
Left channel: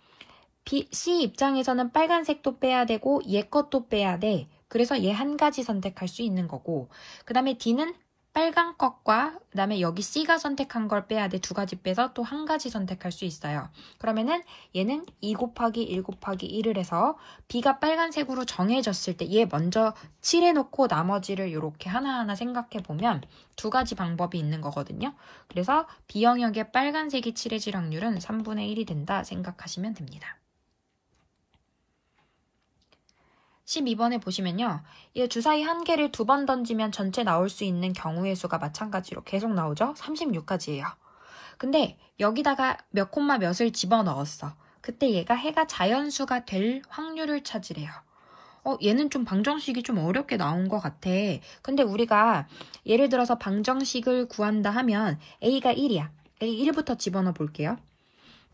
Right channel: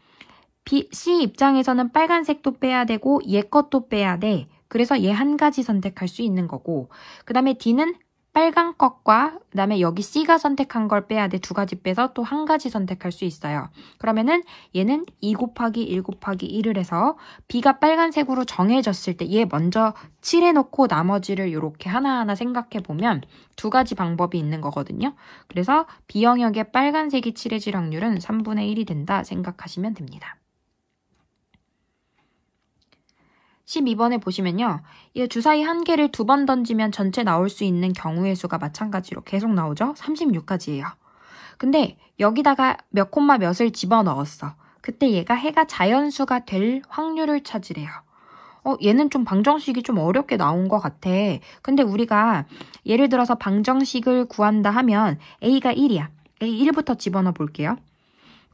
C 입장에서는 빨간색도 빼야 되고 얘 것도 빼야 돼. 그래서 얘 1가지 선택할 수 있는 거고, 그 다음에 D는 빨간 것과 그 다음에 여기 C가 선택한 걸 빼야 돼. 2가지 빼서 또 1가지 선택할 수 있어요. 그러면은 얘는 2 곱하기 1 곱하기 1을 해서 B가 빨간색으로 정해졌을 때 얘 먼저 칠해놓고 나머지를 이렇게 하나하나 생각해보면 2가지 방법이 있는 거거든요. 그래서 B 영역에 빨간색이 칠해질 확률은 3분의 1이 된다 생각하시면 됩니다. 12번에 보시면요. 이 주사위 1개를 2번 던지면 전체 나올 수 있는 경우의 수가 마찬가지로 계속 나오죠? 36가지예요. 근데 여기다가 몇 콤마 몇을 집어넣었어. 그때 얘가 해가 자연수가 될 확률을 찾으래요. 얘는 좀 방정식이 좀 어렵게 나온 것 같아. 근데 우리가 예를 들어서 방정식을 구한다 하면 A가 1이야. A 1부터 집어넣어 볼게요.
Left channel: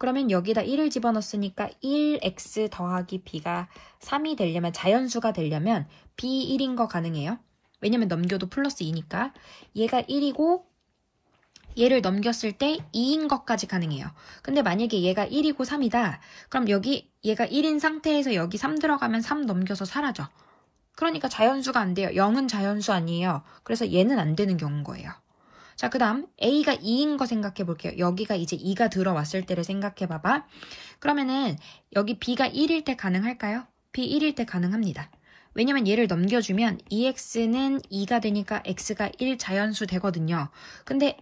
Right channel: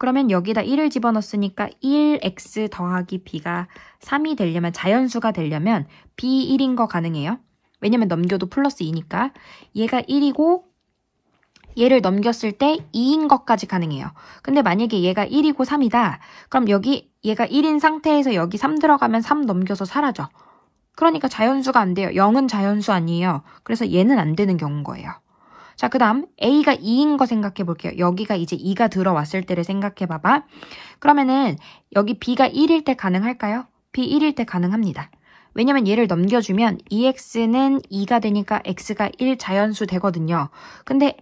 그러면 여기다 1을 집어넣었으니까 1x 더하기 b가 3이 되려면, 자연수가 되려면 b 1인 거 가능해요. 왜냐면 넘겨도 플러스 2니까. 얘가 1이고 얘를 넘겼을 때 2인 것까지 가능해요. 근데 만약에 얘가 1이고 3이다. 그럼 여기 얘가 1인 상태에서 여기 3 들어가면 3 넘겨서 사라져. 그러니까 자연수가 안 돼요. 0은 자연수 아니에요. 그래서 얘는 안 되는 경우인 거예요. 자, 그 다음 A가 2인 거 생각해 볼게요. 여기가 이제 2가 들어왔을 때를 생각해 봐봐. 그러면은 여기 B가 1일 때 가능할까요? B 1일 때 가능합니다. 왜냐면 얘를 넘겨주면 2x는 2가 되니까 x가 1 자연수 되거든요. 근데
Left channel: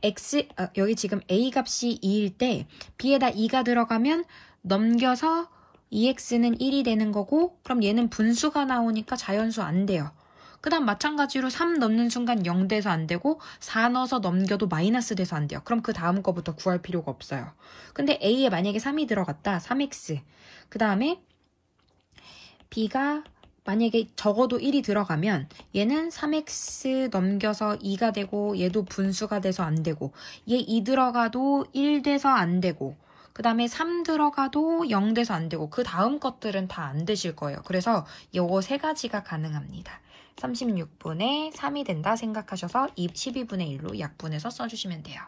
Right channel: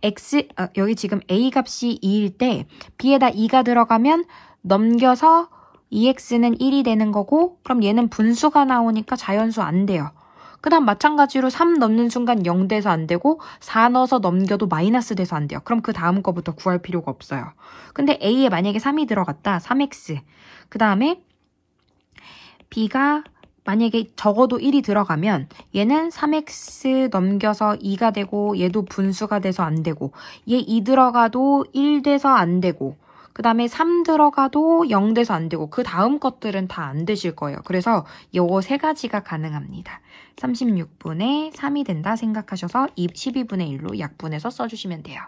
여기 지금 A 값이 2일 때 B에다 2가 들어가면 넘겨서 2x는 1이 되는 거고, 그럼 얘는 분수가 나오니까 자연수 안 돼요. 그 다음 마찬가지로 3 넣는 순간 0 돼서 안 되고 4 넣어서 넘겨도 마이너스 돼서 안 돼요. 그럼 그 다음 거부터 구할 필요가 없어요. 근데 A에 만약에 3이 들어갔다. 3x. 그 다음에 B가 만약에 적어도 1이 들어가면 얘는 3x 넘겨서 2가 되고 얘도 분수가 돼서 안 되고, 얘 2 들어가도 1 돼서 안 되고, 그 다음에 3 들어가도 0 돼서 안 되고, 그 다음 것들은 다 안 되실 거예요. 그래서 요거 세 가지가 가능합니다. 36분의 3이 된다 생각하셔서 12분의 1로 약분해서 써주시면 돼요.